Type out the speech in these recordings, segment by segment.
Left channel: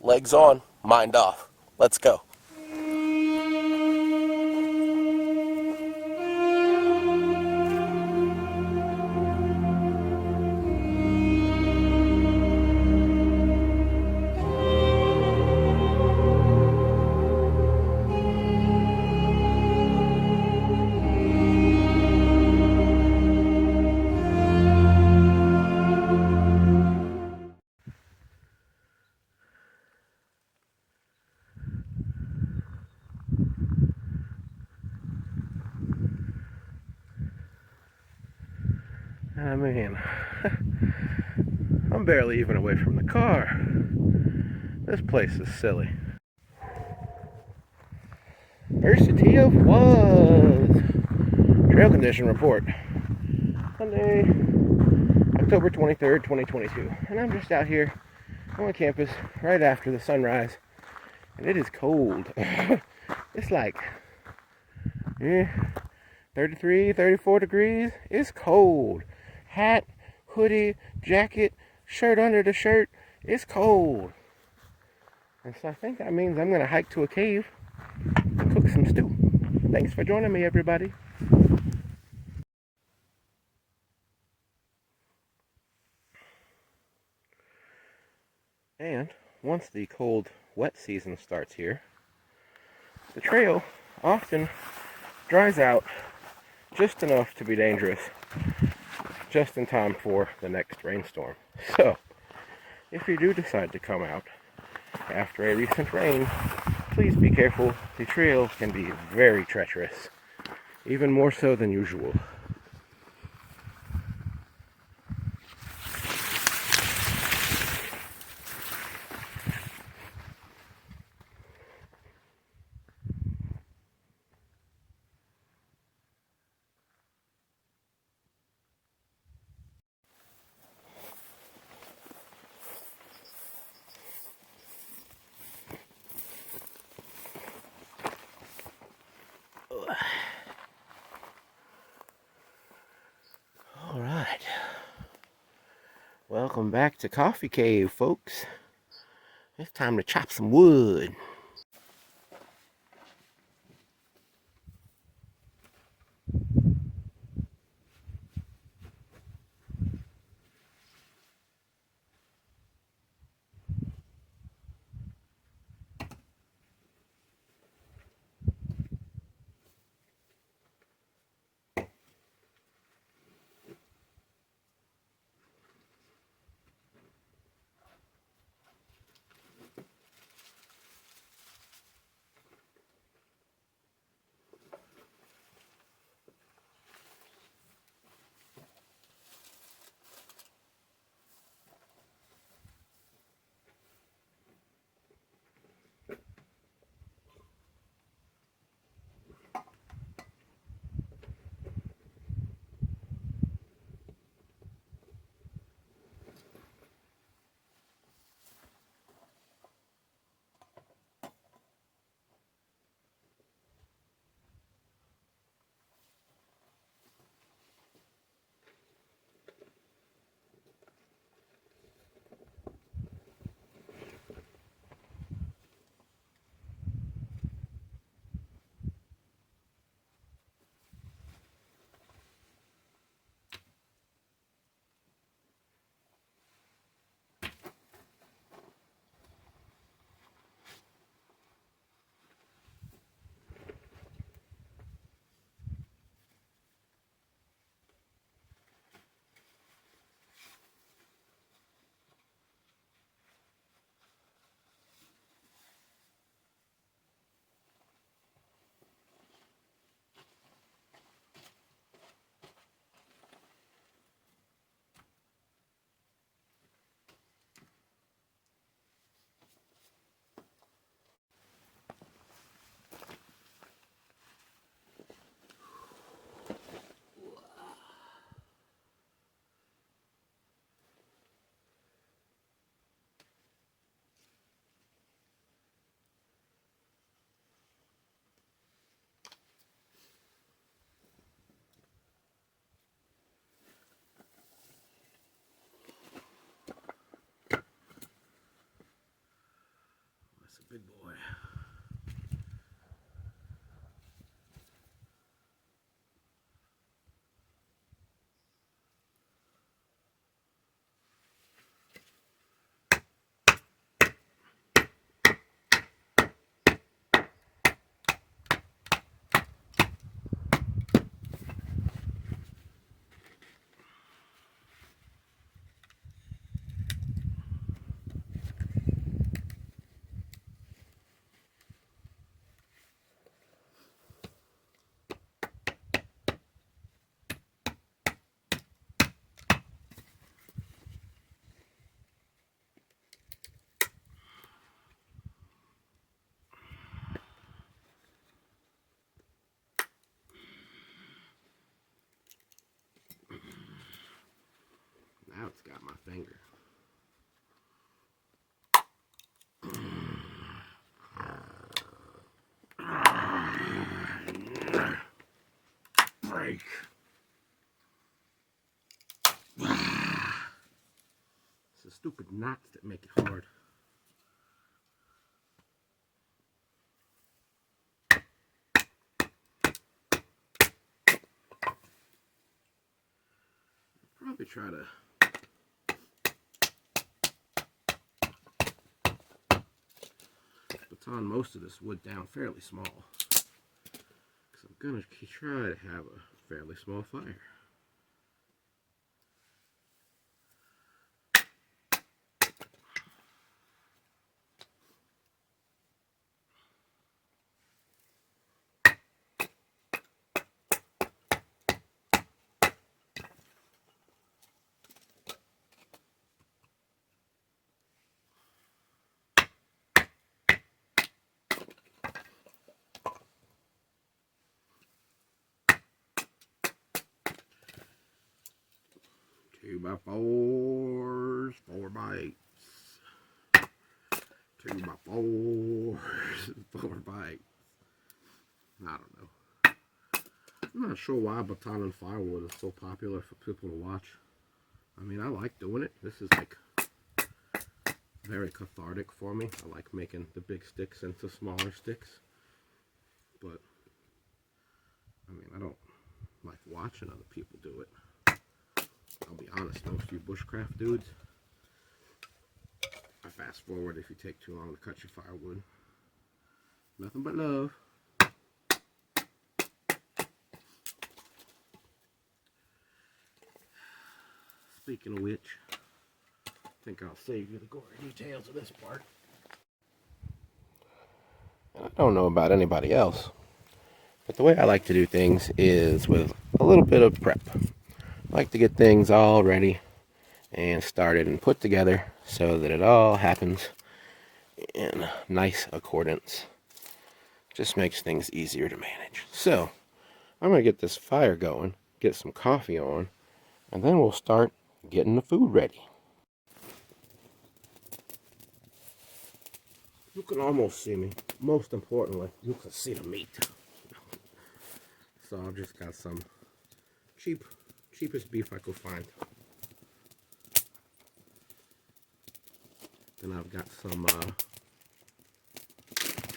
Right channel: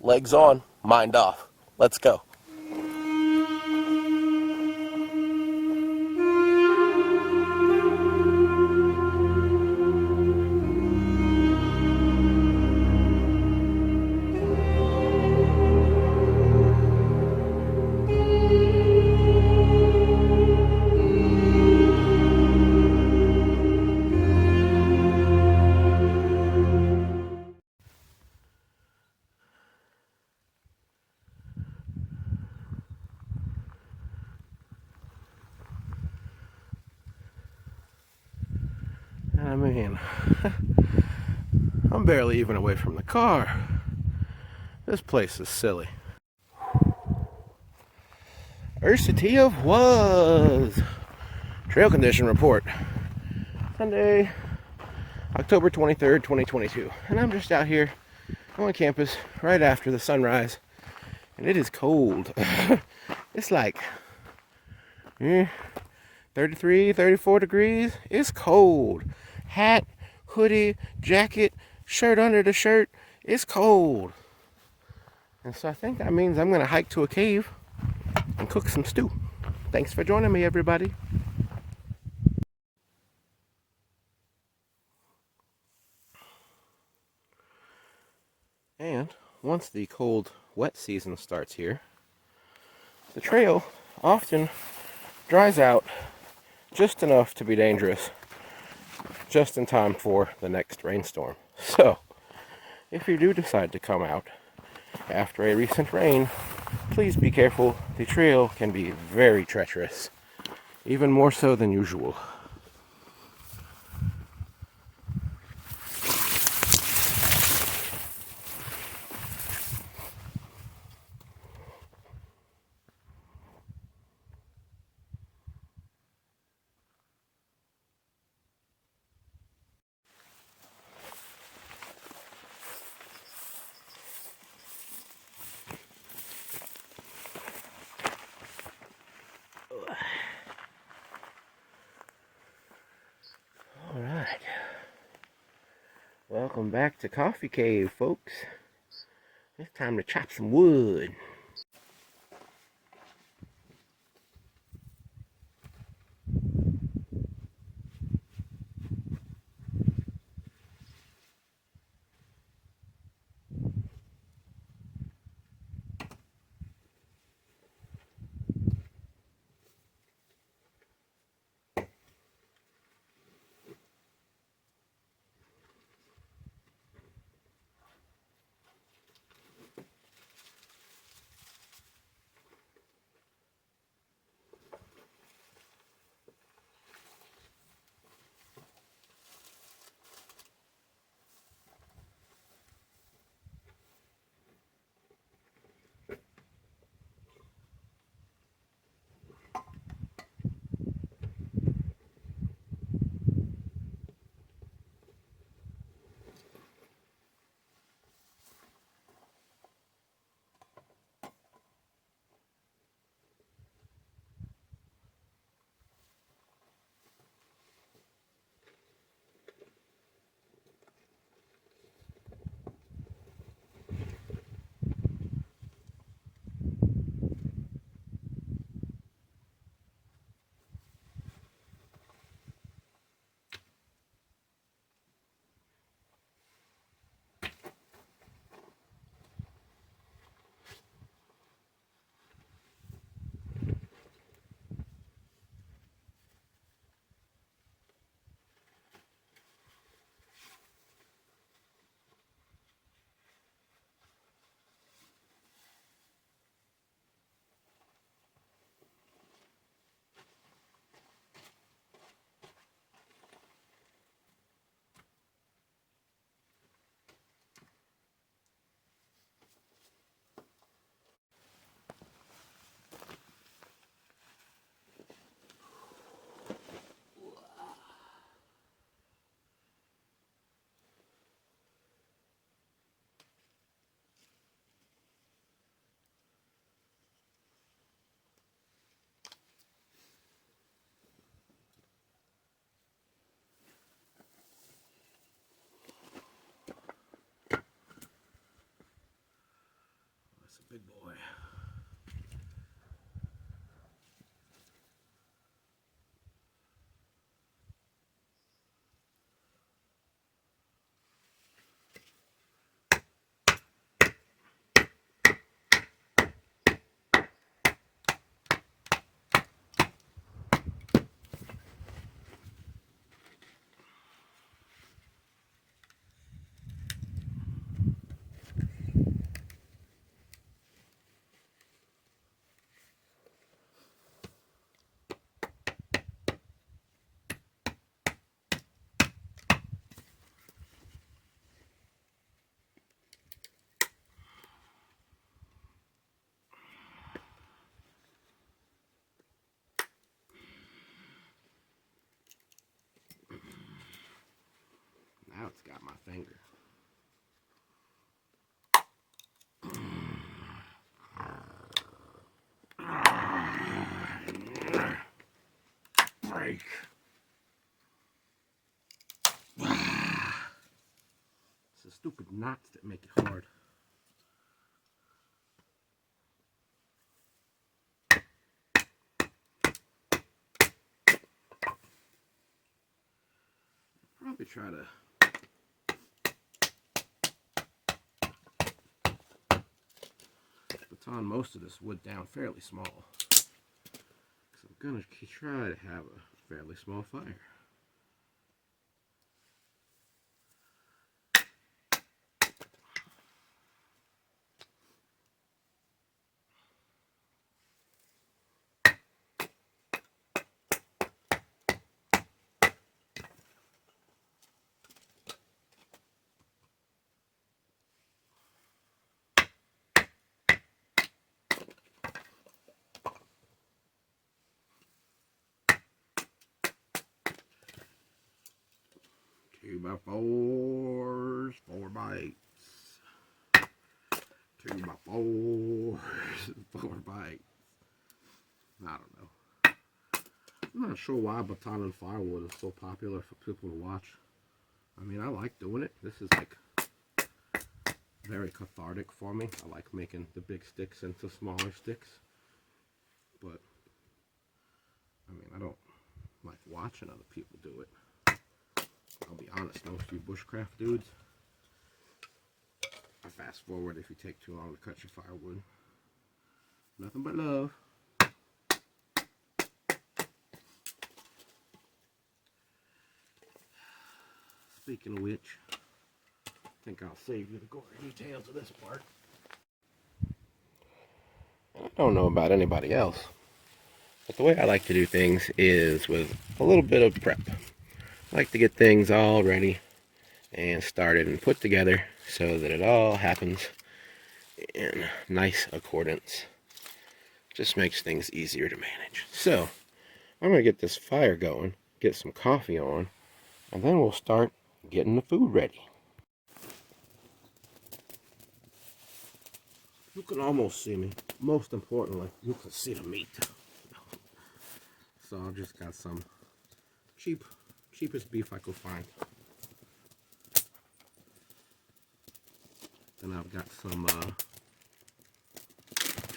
Legs on, mind off. Let's go. I mean, I'm barely even away from the car. This place is silly. Ersity of Was. Trail condition report. Sunday, October 23rd, 2022. And I'm just out here on campus right after the sunrise. And it is cold. It's like 33, 34 degrees. It's cold. Hat, hoodie, jacket, shirt under the shirt. It's cold. And so I think that means I'm going to hike to a cave and cook some stew. Thanks for joining me, everybody. And once the cold, wet season starts here, the trail often dries out just enough to be dangerous, just in time for the next rainstorm. So, if you do decide to come out after a recent rain, please be careful. The trail can be very treacherous, even more so than usual. Alright. Welcome back to Coffee Cave, folks. It's time to chop some wood. Big boy. Now it's got my finger. Break. It's the stupid knots that make it hard. Probably try to baton most of this wood down fairly small, because I'm gonna try to have a fairly small fire. Two by fours, 4 by 8s. 2 by 4s, 4 by 8s. I don't know. I'm not sure why baton and firewood is so popular for people to watch. I mean, I like doing it. This is like very cathartic for me. I like making the big sticks into smaller sticks. But, I mean, I don't like watching other people do it. I'll be honest, most of you bushcraft dudes, I fast forward if you take too long to cut your firewood. Nothing but love. Speaking of which, I think I'll save you the gory details of this part. And I don't know about anybody else, but the way I like to do things is with a little bit of prep. I like to get things all ready and started and put together so that it all happens in nice accordance. Just makes things easier to manage. So, I'm going to get this fire going, get some coffee on, and then we'll start getting the food ready. You can almost see me. Most importantly, you can see the meat. So I just got some cheapest beef I could find. Then I've got some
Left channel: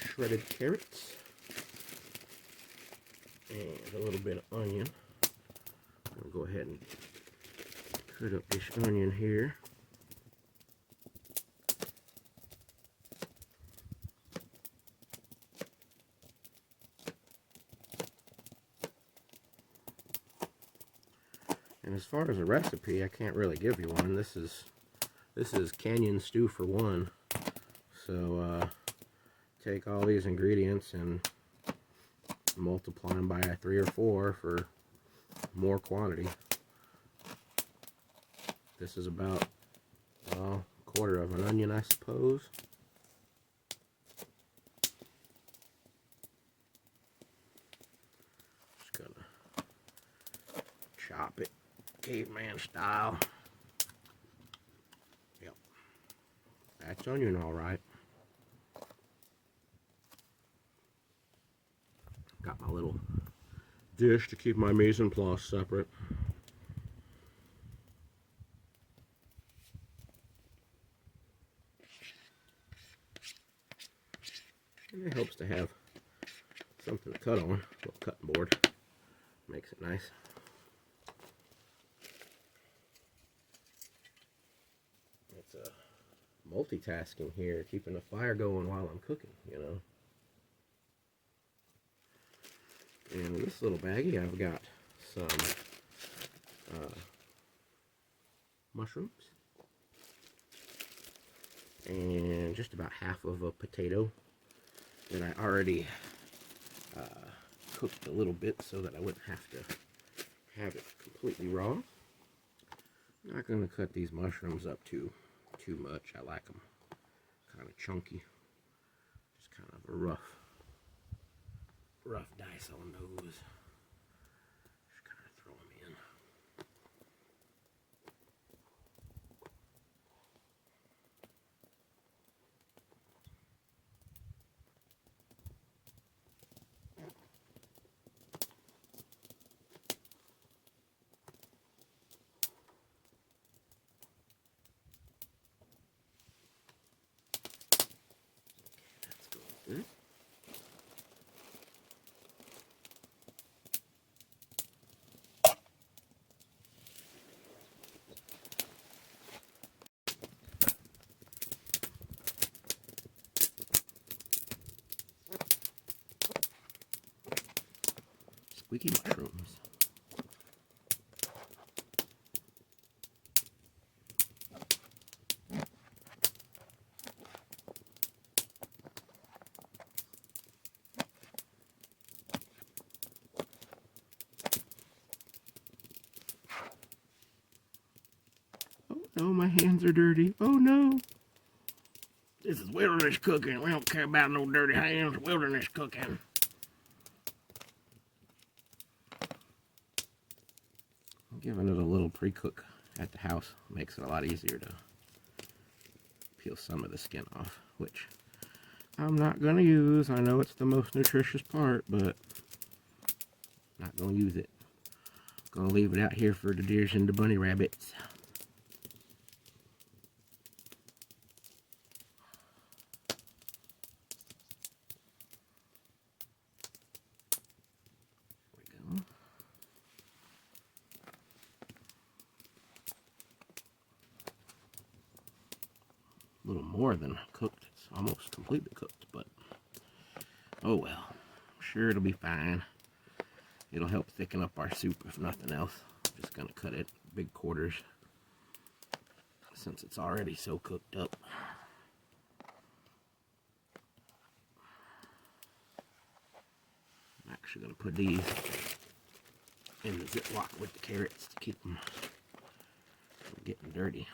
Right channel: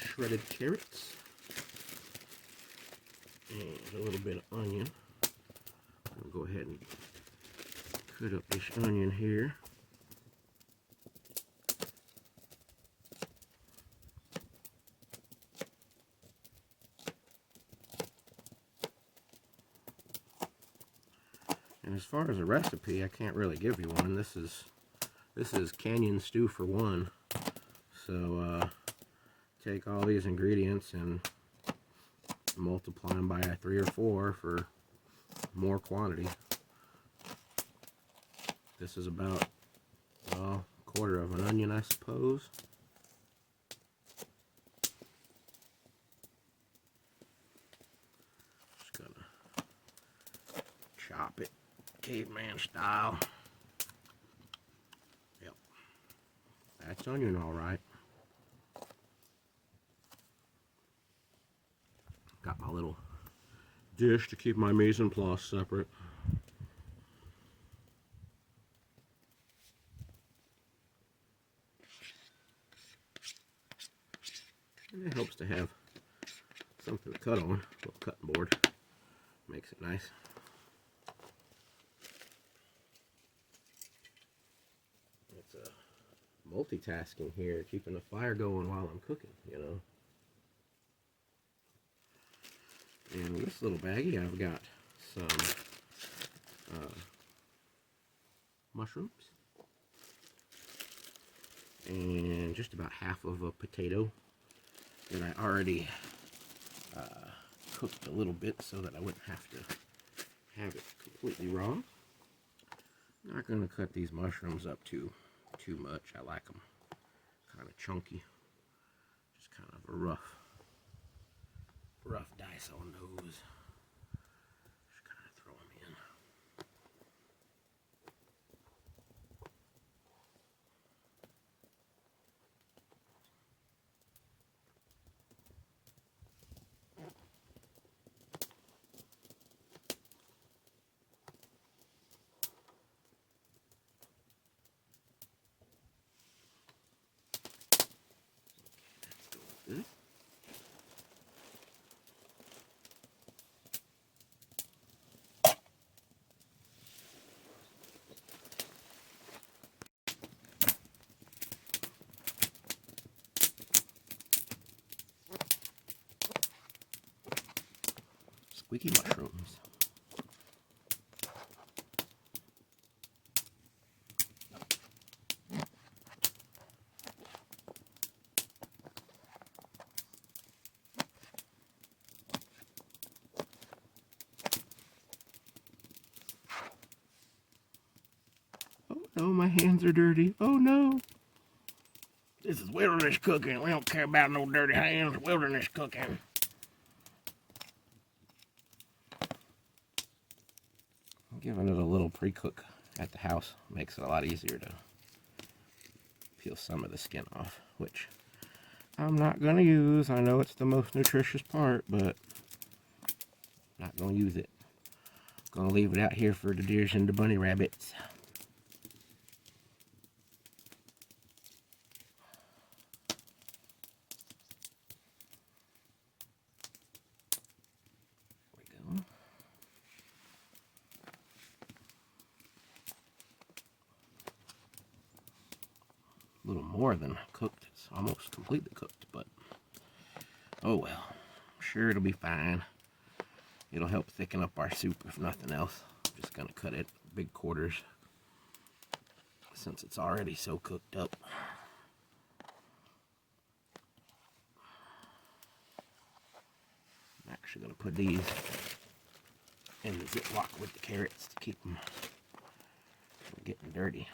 shredded carrots and a little bit of onion. I'll go ahead and cut up this onion here. And as far as a recipe, I can't really give you one. This is canyon stew for one. So take all these ingredients and multiply them by 3 or 4 for more quantity. This is about a quarter of an onion, I suppose. Just gonna chop it caveman style. Yep, that's onion all right. Got my little dish to keep my mise en place separate. And it helps to have something to cut on, a little cutting board. Makes it nice. It's multitasking here, keeping the fire going while I'm cooking, you know. And in this little baggie, I've got some mushrooms and just about half of a potato that I already cooked a little bit so that I wouldn't have to have it completely raw. I'm not going to cut these mushrooms up too much. I like them kind of chunky, just kind of a rough dice on those. Just kind of throw them in. Good. Squeaky mushrooms. Oh no, my hands are dirty. Oh no. This is wilderness cooking. We don't care about no dirty hands. Wilderness cooking. Giving it a little pre-cook at the house makes it a lot easier to peel some of the skin off, which I'm not going to use. I know it's the most nutritious part, but I'm not going to use it. Going to leave it out here for the deers and the bunny rabbits. There we go. A little more than cooked. It's almost completely cooked, but oh well. I'm sure it'll be fine. It'll help thicken up our soup if nothing else. I'm just going to cut it big quarters since it's already so cooked up. I'm actually going to put these in the Ziploc with the carrots to keep them from getting dirty.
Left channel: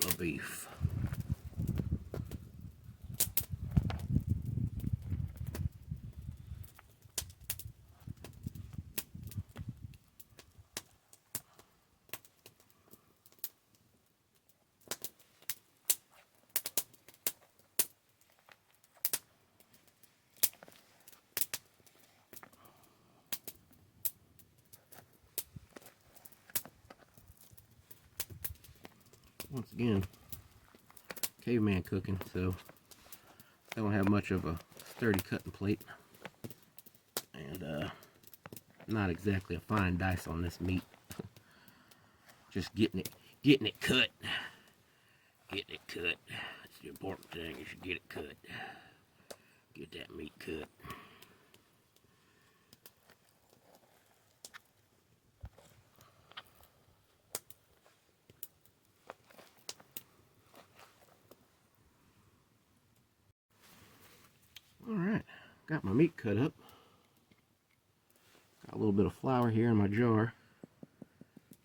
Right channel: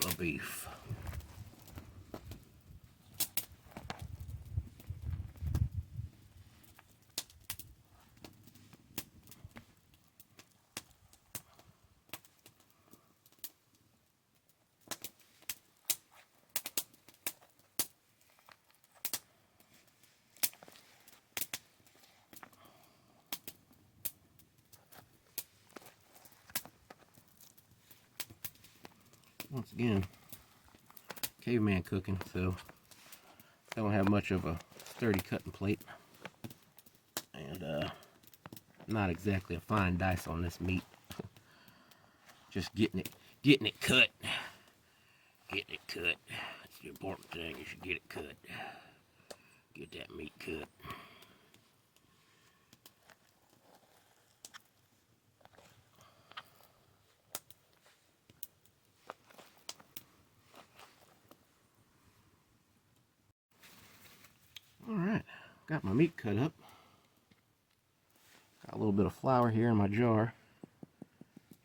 The beef. Once again, caveman cooking, so I don't have much of a sturdy cutting plate, and not exactly a fine dice on this meat. Just getting it cut. Getting it cut. That's the important thing, is you get it cut. Get that meat cut. Alright, got my meat cut up. Got a little bit of flour here in my jar.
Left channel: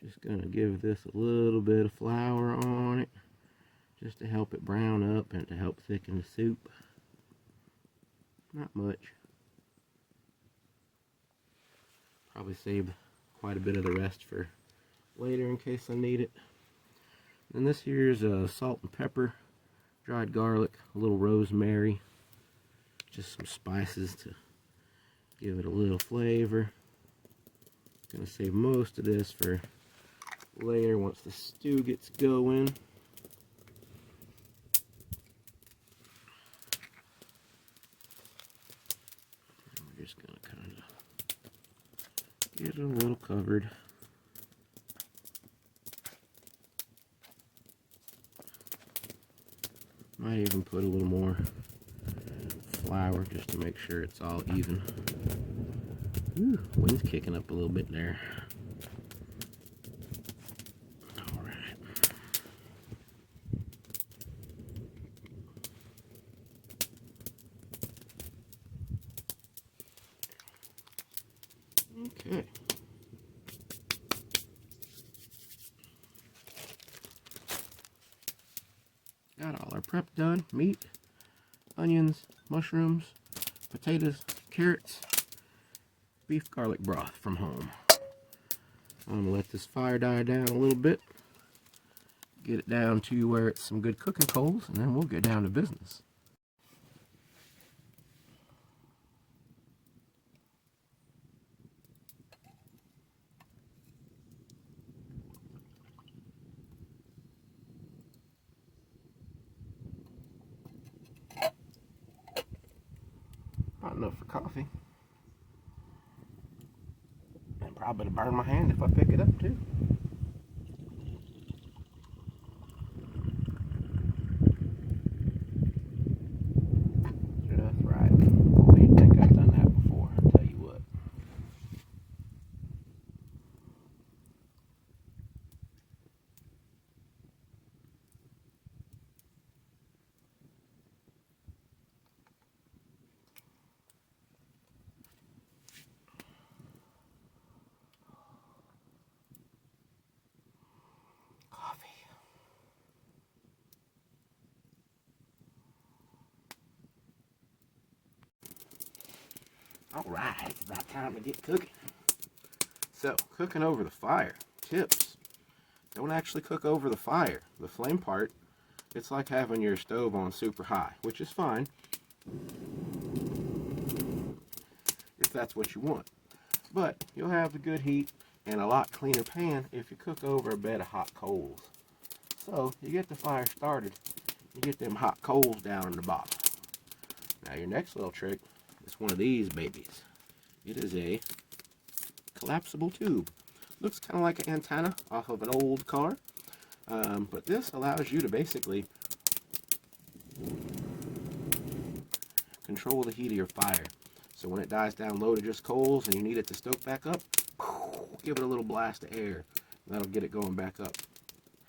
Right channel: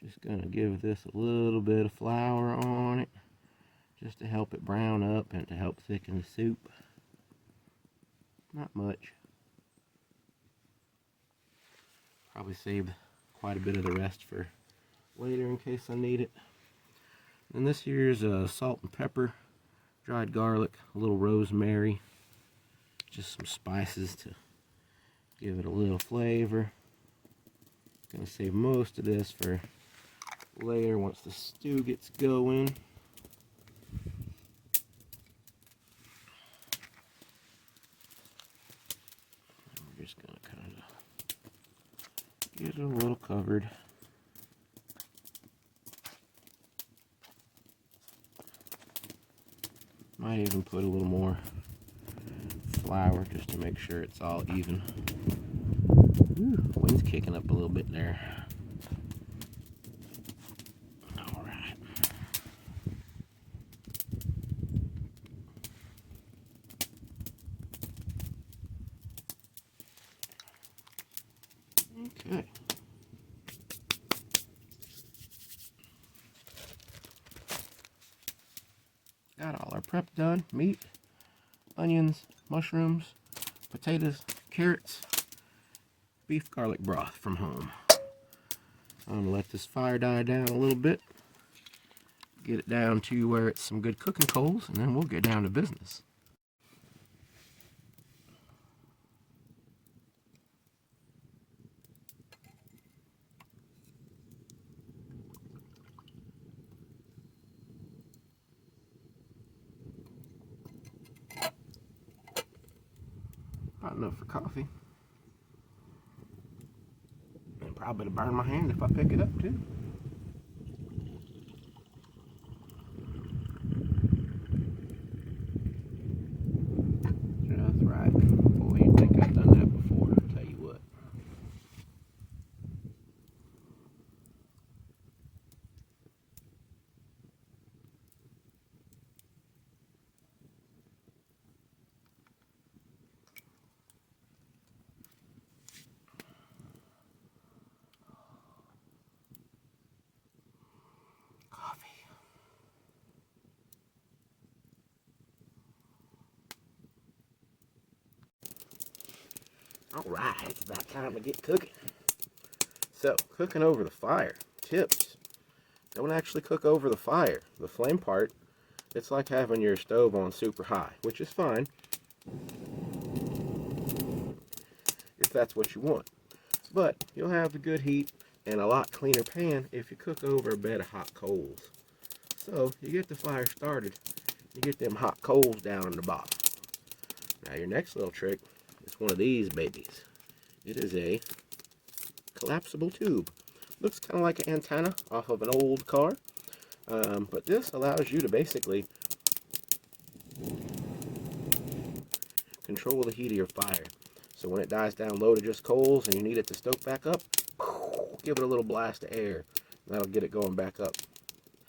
Just gonna give this a little bit of flour on it, just to help it brown up and to help thicken the soup. Not much. Probably saved quite a bit of the rest for later in case I need it. And this here's salt and pepper, dried garlic, a little rosemary, just some spices to give it a little flavor. Gonna save most of this for later once the stew gets going. We're just going to kind of get it a little covered. Might even put a little more flour just to make sure it's all even. Ooh, wind's kicking up a little bit there. All right. Okay. Got all our prep done. Meat, onions, mushrooms, potatoes, carrots, beef garlic broth from home. I'm going to let this fire die down a little bit. Get it down to where it's some good cooking coals, and then we'll get down to business. Hot enough for coffee. And probably to burn my hand if I pick it up too. Just right. Boy, you'd think I've done that before, I'll tell you what. Alright, it's about time to get cooking. So, cooking over the fire. Tips. Don't actually cook over the fire. The flame part, it's like having your stove on super high, which is fine if that's what you want. But you'll have the good heat and a lot cleaner pan if you cook over a bed of hot coals. So, you get the fire started, you get them hot coals down in the bottom. Now your next little trick, it's one of these babies. It is a collapsible tube. Looks kind of like an antenna off of an old car. But this allows you to basically control the heat of your fire. So when it dies down low to just coals and you need it to stoke back up, give it a little blast of air. That'll get it going back up.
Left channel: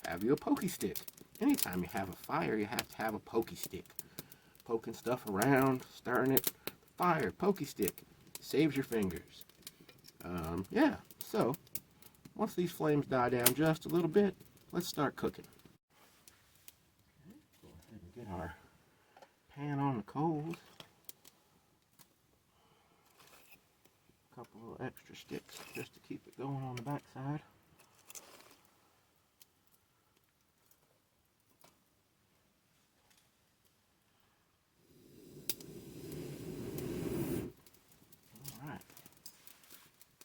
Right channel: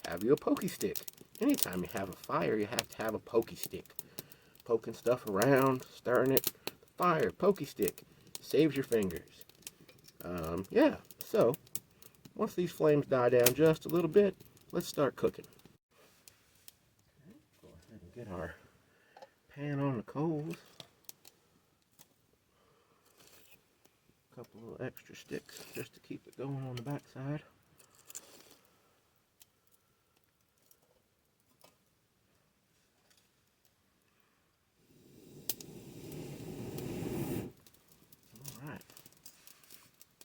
Have you a pokey stick. Anytime you have a fire, you have to have a pokey stick. Poking stuff around, stirring it. Fire, pokey stick, saves your fingers. Yeah, so once these flames die down just a little bit, let's start cooking. Go ahead and get our pan on the coals. A couple little extra sticks just to keep it going on the back side.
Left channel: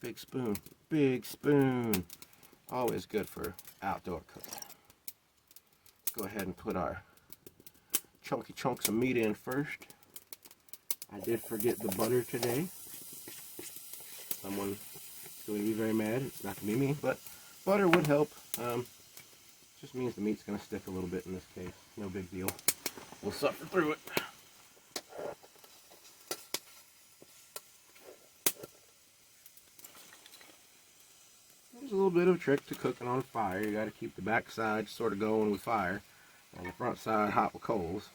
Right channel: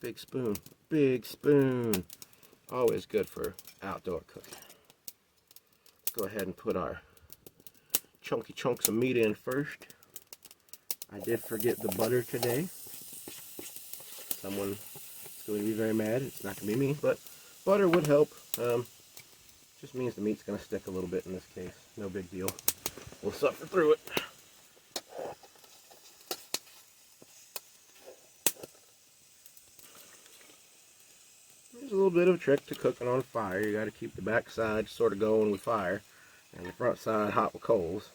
Big spoon, big spoon. Always good for outdoor cooking. Let's go ahead and put our chunky chunks of meat in first. I did forget the butter today. Someone is going to be very mad. It's not going to be me, but butter would help. Just means the meat's going to stick a little bit in this case. No big deal. We'll suffer through it. There's a little bit of a trick to cooking on fire. You got to keep the back side sort of going with fire and the front side hot with coals.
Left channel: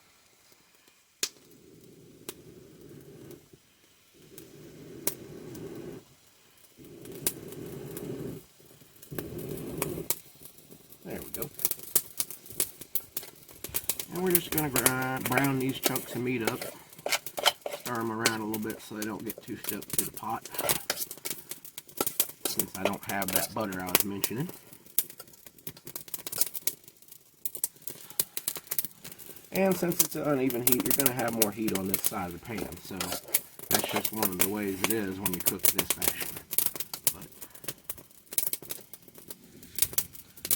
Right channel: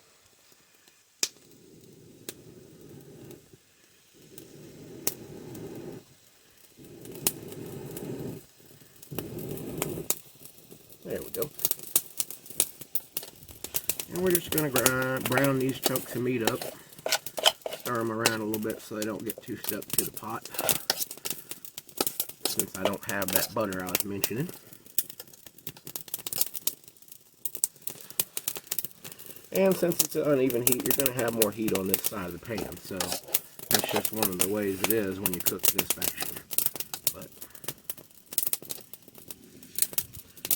There we go. And we're just going to brown these chunks of meat up. Stir them around a little bit so they don't get too stuck to the pot. Since I don't have that butter I was mentioning. And since it's an uneven heat, you're going to have more heat on this side of the pan. So that's just one of the ways it is when you cook this fashion. But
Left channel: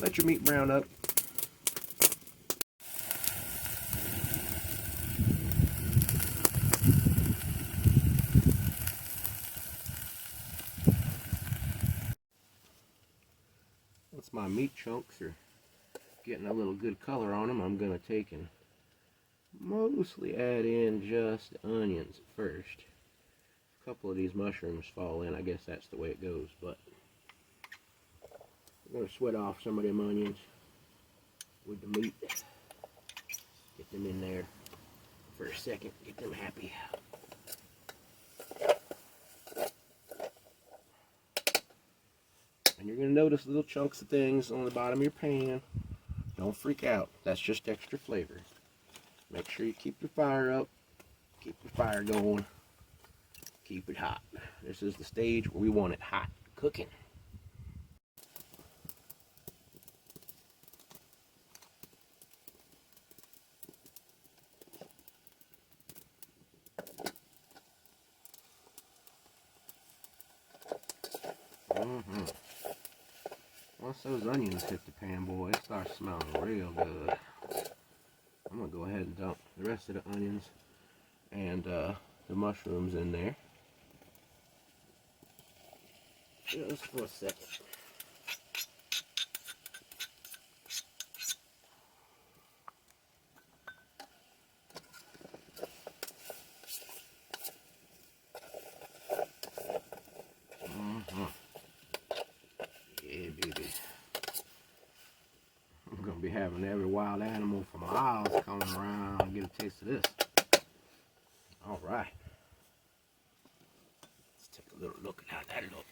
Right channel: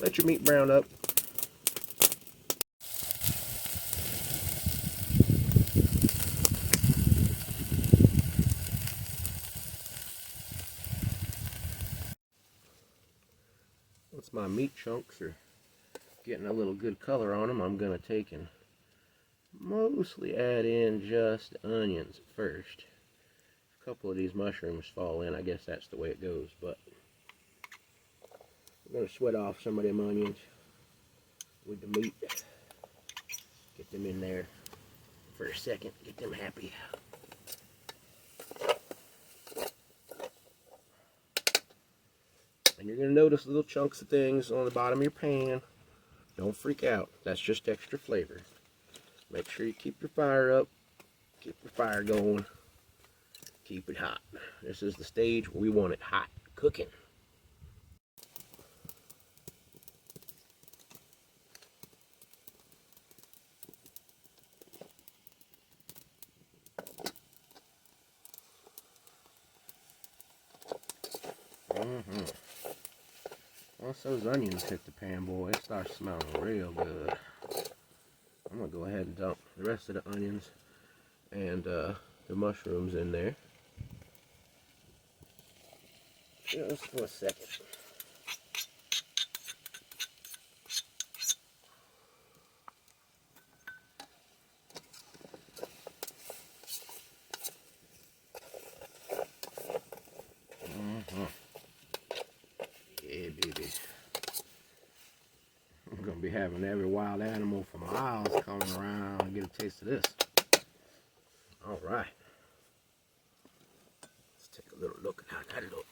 Let your meat brown up. Once my meat chunks are getting a little good color on them, I'm going to take and mostly add in just onions at first. A couple of these mushrooms fall in, I guess that's the way it goes, but I'm going to sweat off some of them onions with the meat. Get them in there for a second, get them happy. And you're going to notice little chunks of things on the bottom of your pan. Don't freak out, that's just extra flavor. Make sure you keep your fire up, keep your fire going, keep it hot. This is the stage where we want it hot, cooking. Once those onions hit the pan, boy, it starts smelling real good. I'm going to go ahead and dump the rest of the onions and the mushrooms in there. Just for a second. Yeah, baby. I'm going to be having every wild animal for miles coming around and get a taste of this. All right. Let's take a little look at how that looks.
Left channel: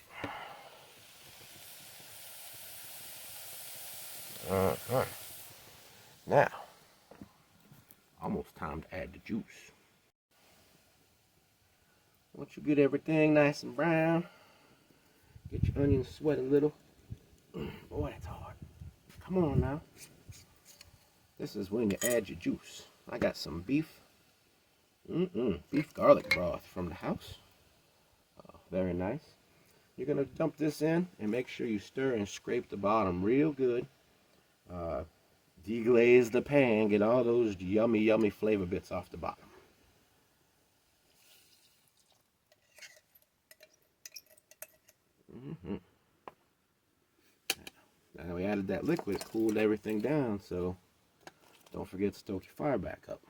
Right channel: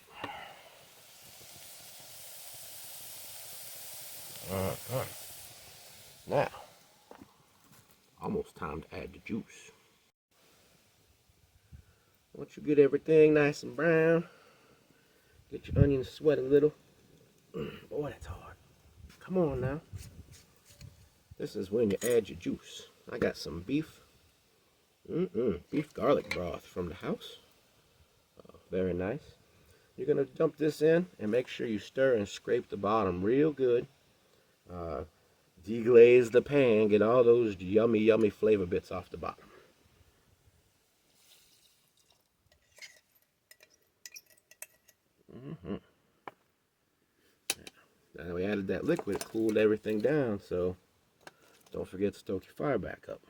Now, almost time to add the juice. Once you get everything nice and brown, get your onions sweat a little. Boy, that's hard. Come on now. This is when you add your juice. I got some beef. Beef garlic broth from the house. Very nice. You're going to dump this in and make sure you stir and scrape the bottom real good. Deglaze the pan. Get all those yummy, yummy flavor bits off the bottom. Now we added that liquid, it cooled everything down, so don't forget to stoke your fire back up.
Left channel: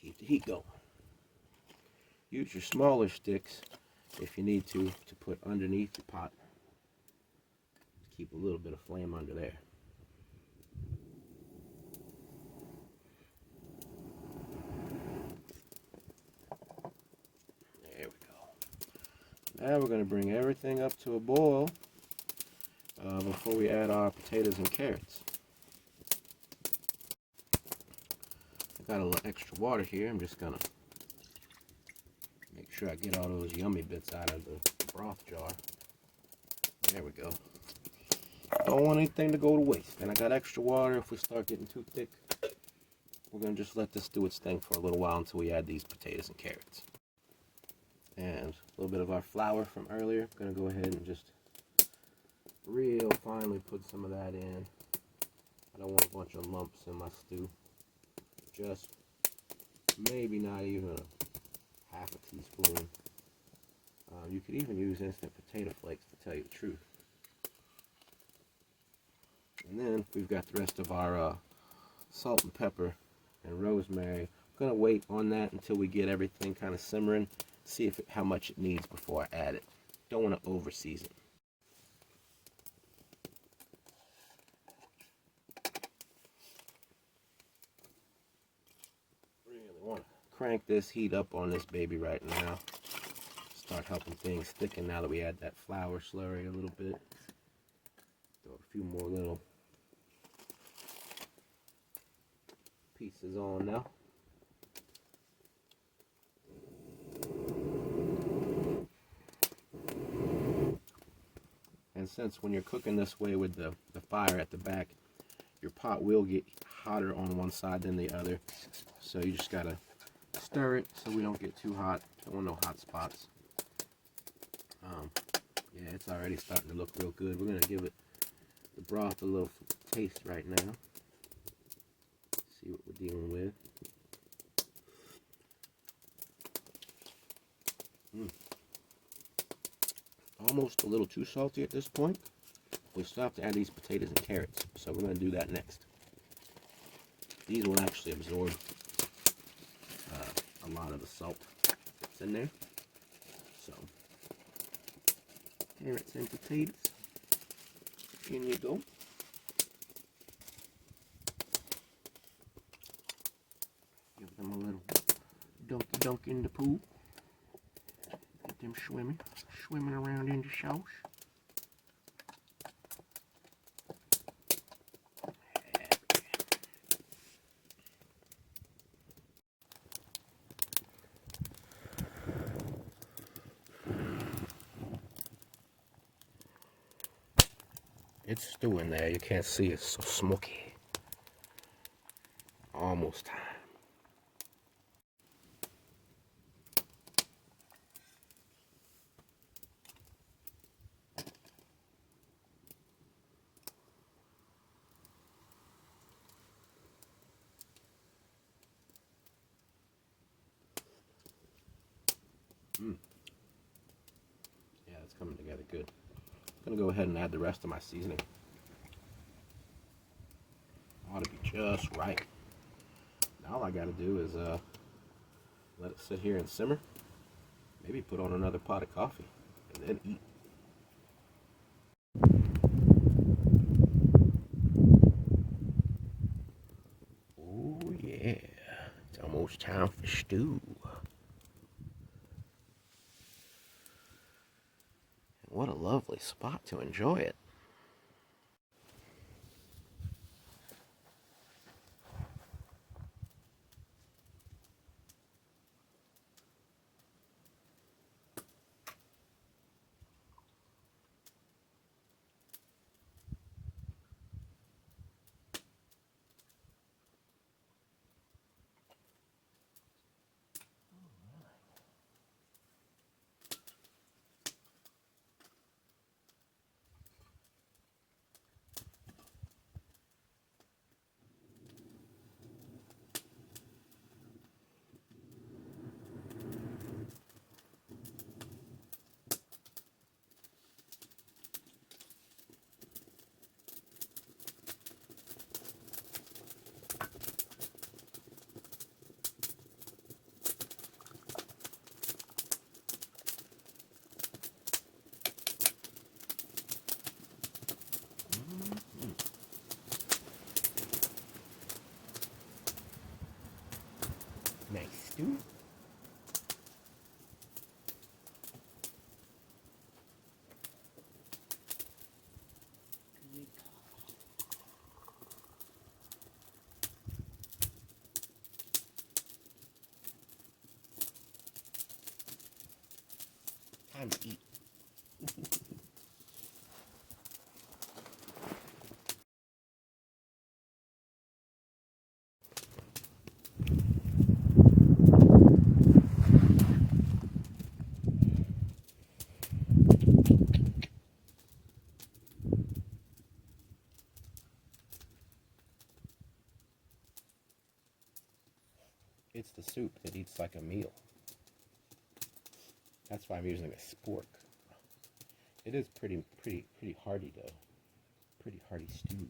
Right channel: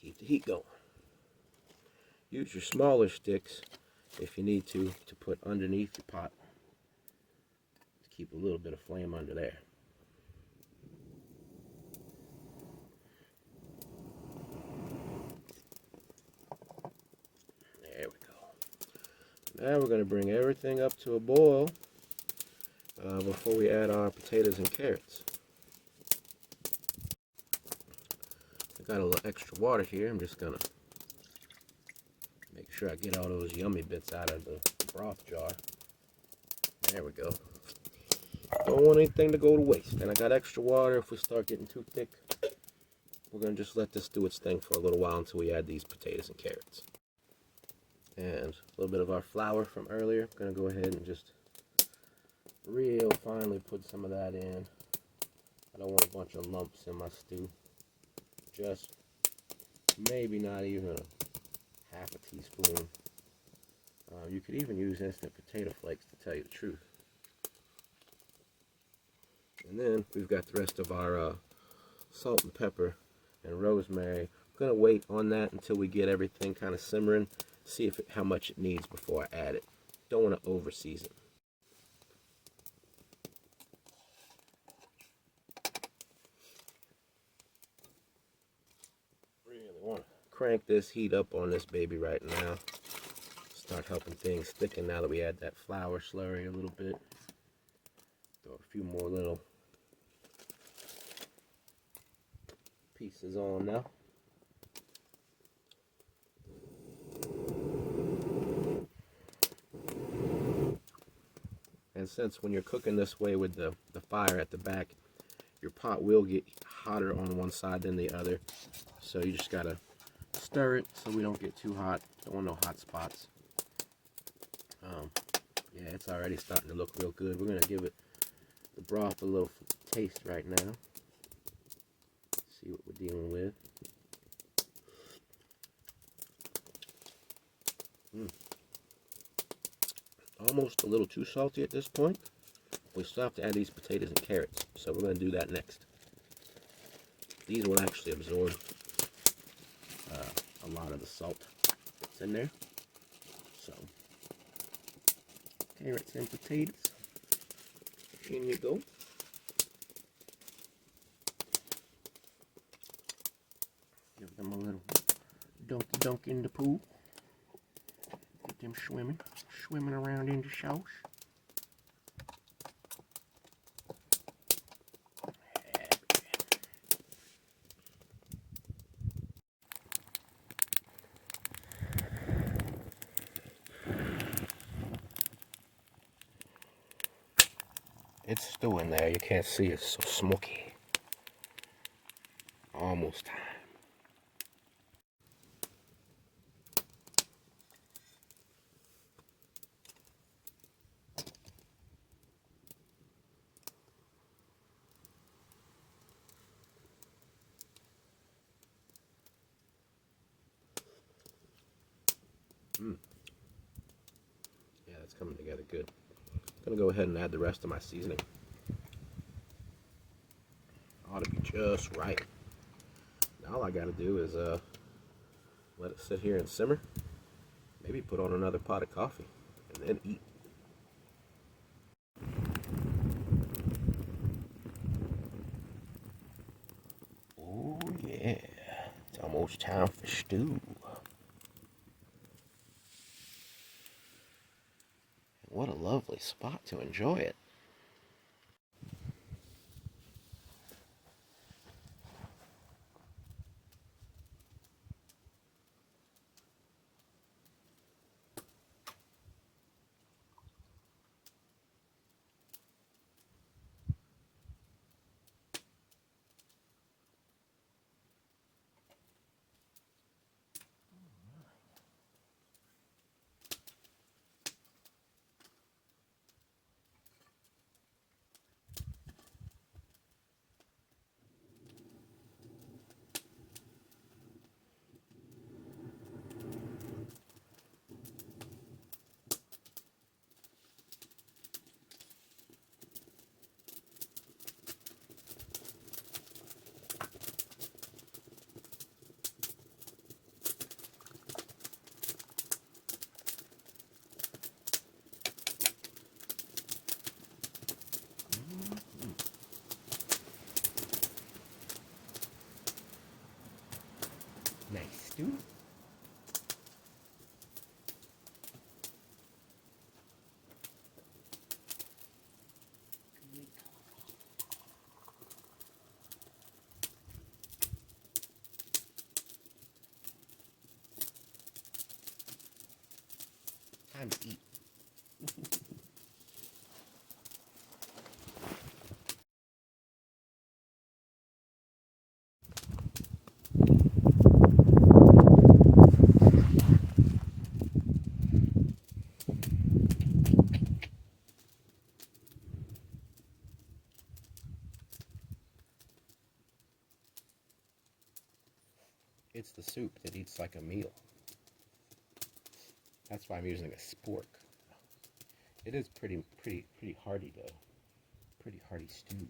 Keep the heat going. Use your smaller sticks if you need to put underneath your pot to keep a little bit of flame under there. There we go. Now we're going to bring everything up to a boil before we add our potatoes and carrots. I got a little extra water here. I'm just going to make sure I get all those yummy bits out of the broth jar. There we go. Don't want anything to go to waste. And I got extra water. If we start getting too thick, we're going to just let this do its thing for a little while until we add these potatoes and carrots. And a little bit of our flour from earlier. I'm going to go ahead and just real finely put some of that in. I don't want a bunch of lumps in my stew. Just maybe not even a half a teaspoon. You could even use instant potato flakes, to tell you the truth. And then we've got the rest of our salt and pepper and rosemary. I'm going to wait on that until we get everything kind of simmering, see how much it needs before I add it. Don't want to over season. Really want to crank this heat up on this baby right now. Start helping things thicken now that we add that flour slurry a little bit. Throw a few more little pieces on now. And since when you're cooking this way with the fire at the back, your pot will get hotter on one side than the other. So you just gotta stir it so we don't get too hot. Don't want no hot spots. Yeah, it's already starting to look real good. We're gonna give it the broth a little taste right now. See what we're dealing with. Almost a little too salty at this point. We still have to add these potatoes and carrots, so we're going to do that next. These will actually absorb a lot of the salt that's in there. So, carrots and potatoes. In you go. Give them a little dunky dunk in the pool. Get them swimming around in the sauce. It's still in there. You can't see it. It's so smoky. Almost time. Yeah, it's coming together good. I'm gonna go ahead and add the rest of my seasoning. Ought to be just right. Now all I gotta do is let it sit here and simmer. Maybe put on another pot of coffee and then eat. Oh yeah, it's almost time for stew. What a lovely spot to enjoy it. Nice stew. Time to eat. It's the soup that eats like a meal. That's why I'm using a spork. It is pretty hearty though. Pretty hearty stew.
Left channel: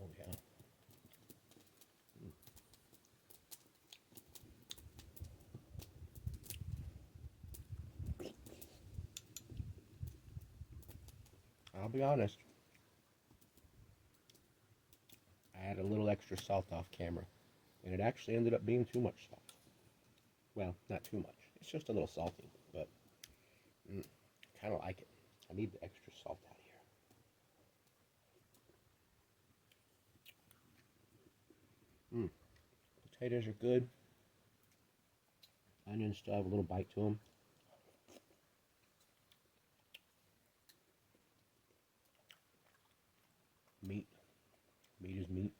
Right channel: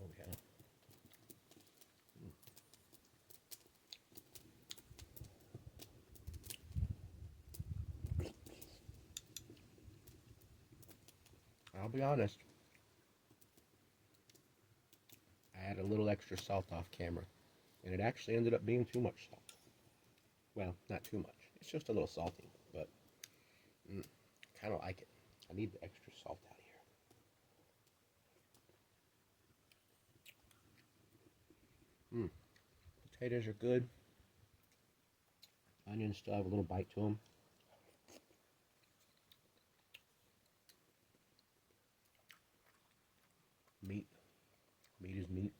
Oh yeah. I'll be honest. I had a little extra salt off camera, and it actually ended up being too much salt. Well, not too much. It's just a little salty, but kind of like it. I need the extra salt out here. Potatoes are good. Onions still have a little bite to them. Meat. Meat is meat.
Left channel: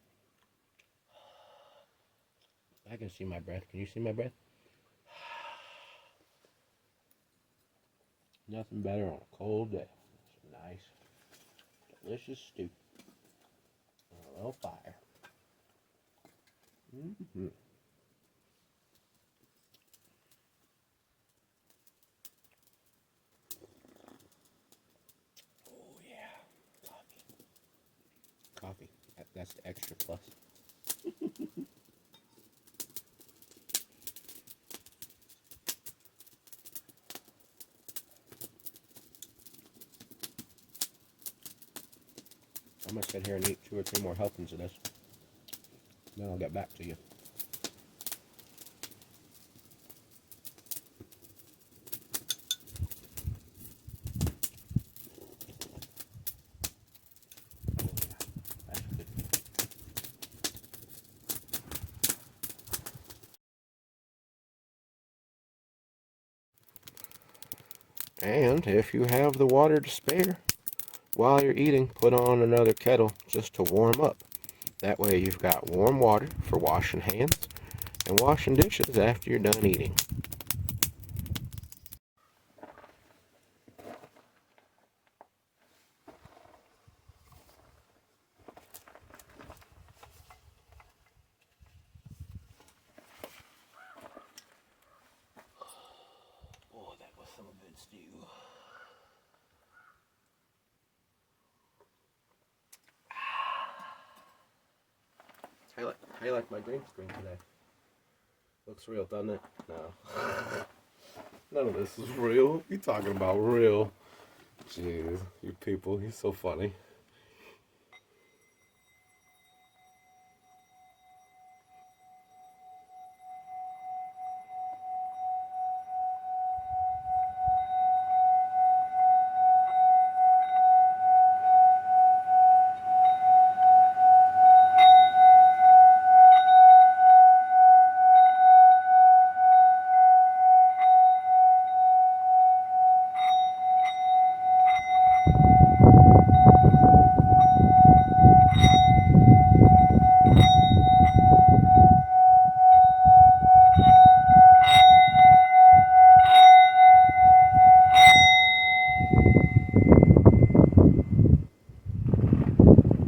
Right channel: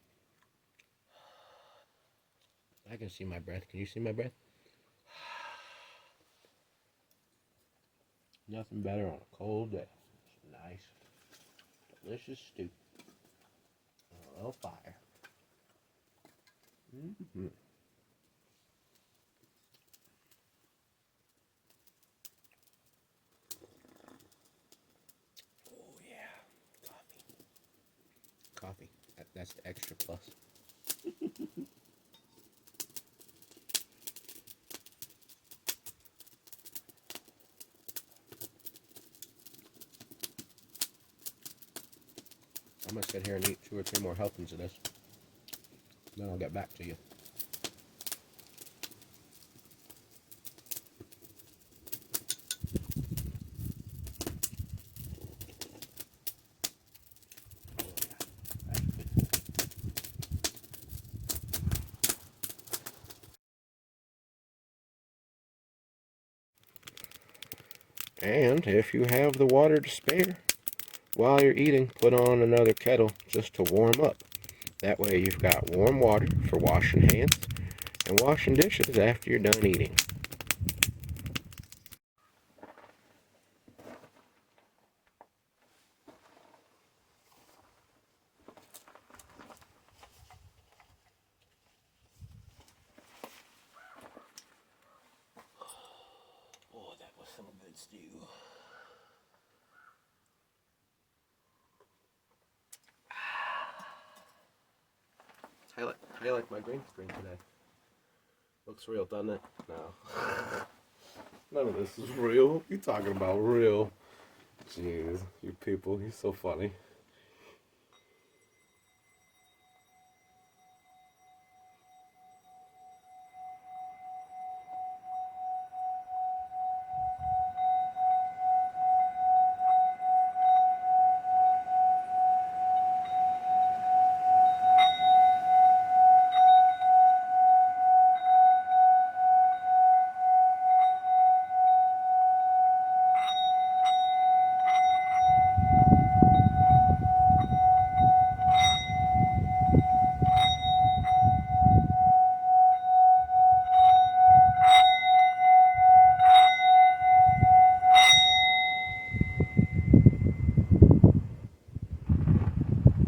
I can see my breath. Can you see my breath? Nothing better on a cold day. It's a nice, delicious stew on a little fire. Mm-hmm. Oh yeah, coffee. That's the extra plus. I'm gonna sit here and eat 2 or 3 more helpings of this. Then I'll get back to you. And if you have the water to spare, while you're eating, put on another kettle just to warm up. That way you've got warm water for washing hands and washing dishes after you're done eating. Boy, that was some good stew. How you like my green screen today? Looks real, doesn't it? No. None of this is real. What are you talking about real? Jeez, you people, you're so funny.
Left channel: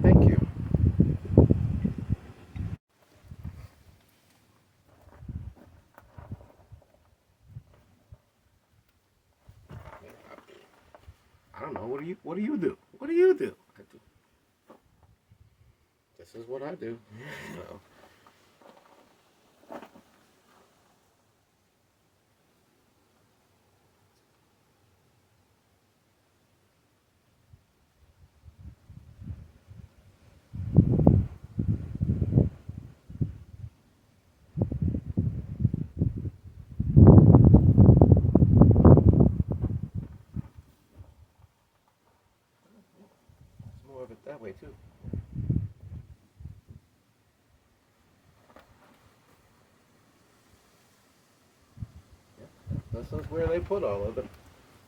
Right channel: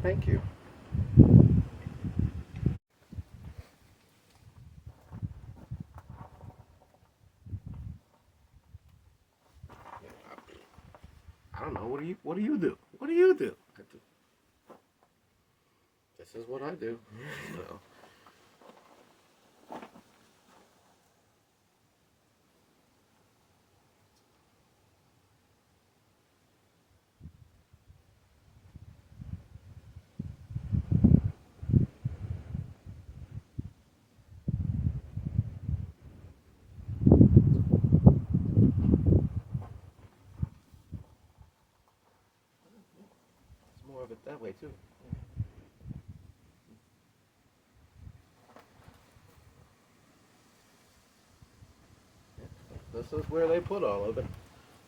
Thank you. I don't know. What do you do? What do you do? This is what I do. So. More of it that way too. This is where they put all of it.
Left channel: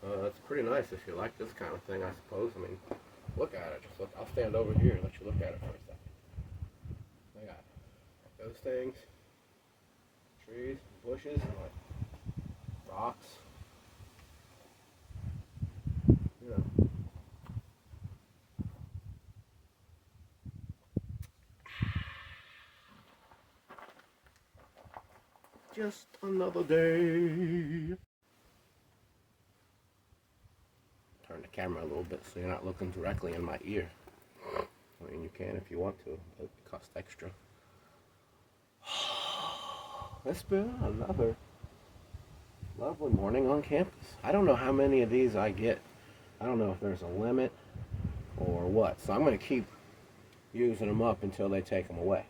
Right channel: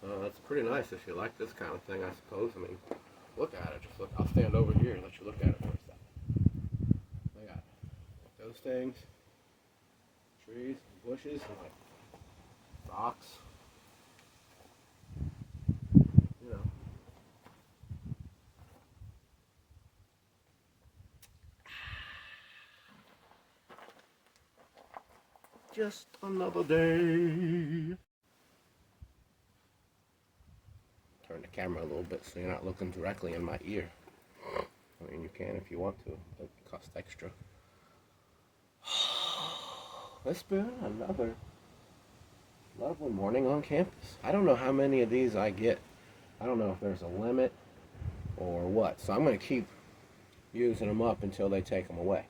It's pretty nice if you like this kind of thing, I suppose. I mean, look at it. Just look. I'll stand over here and let you look at it for a second. Look at those things, trees, bushes, and like rocks. You know. Just another day. Turn the camera a little bit so you're not looking directly in my ear. I mean, you can if you want to, but it costs extra. It's been another lovely morning on campus. I don't know how many of these I get. I don't know if there's a limit or what. So I'm going to keep using them up until they take them away.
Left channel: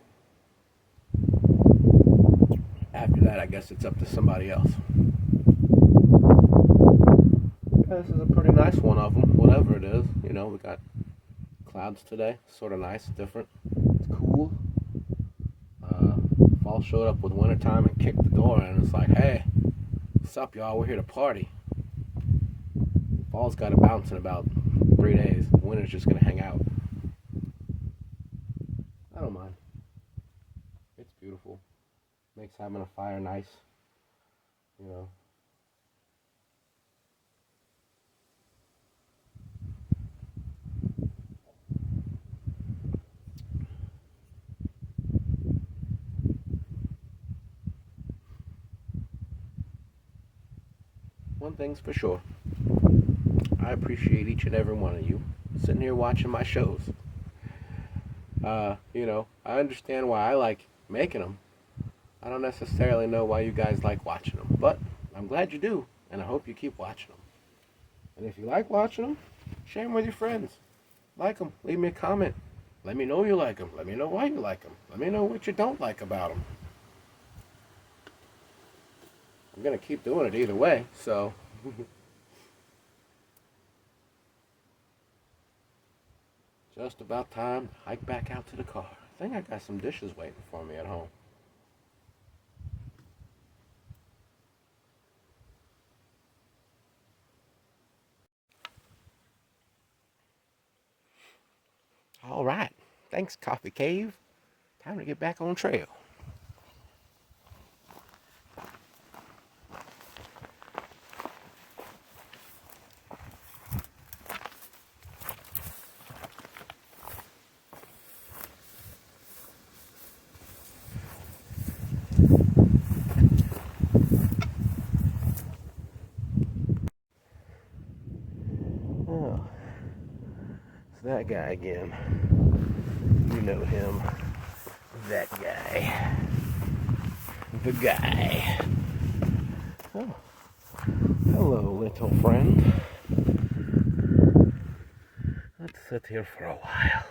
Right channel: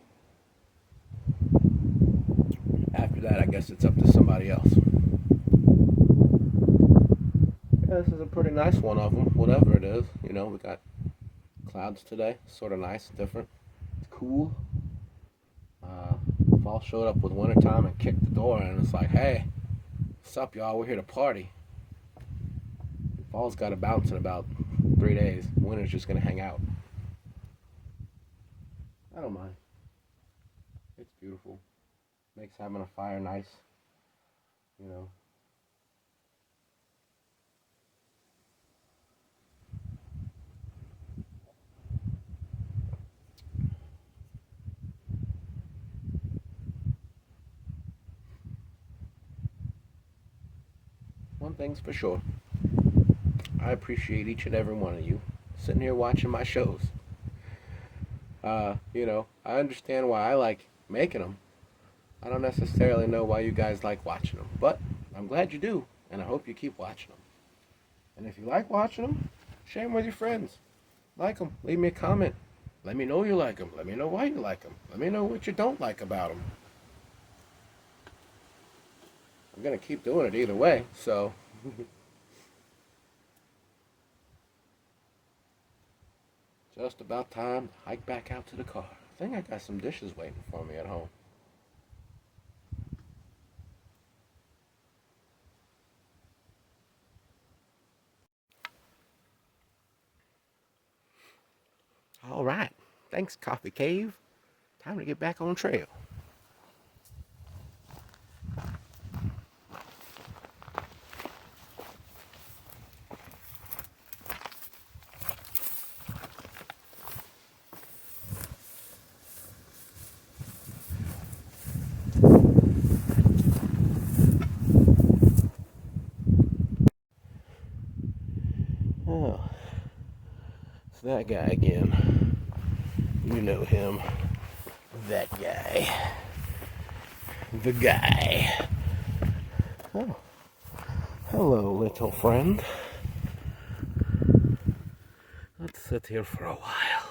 After that, I guess it's up to somebody else. Yeah, this is a pretty nice one of them, whatever it is. You know, we got clouds today. Sort of nice, different. It's cool. Fall showed up with wintertime and kicked the door in, and it's like, hey, what's up, y'all? We're here to party. Fall's got to bounce in about 3 days. Winter's just going to hang out. I don't mind. It's beautiful. Makes having a fire nice. You know. one thing's for sure. I appreciate each and every one of you sitting here watching my shows. You know, I understand why I like making them. I don't necessarily know why you guys like watching them, but I'm glad you do, and I hope you keep watching them. And if you like watching them, share them with your friends. Like them. Leave me a comment. Let me know you like them. Let me know why you like them. Let me know what you don't like about them. I'm going to keep doing it either way, so... Just about time to hike back out to the car. I think I got some dishes waiting for me at home. All right. Thanks, Coffee Cave. Time to get back on trail. Oh, it's that guy again. You know him. That guy. The guy. Oh, hello, little friend. Let's sit here for a while.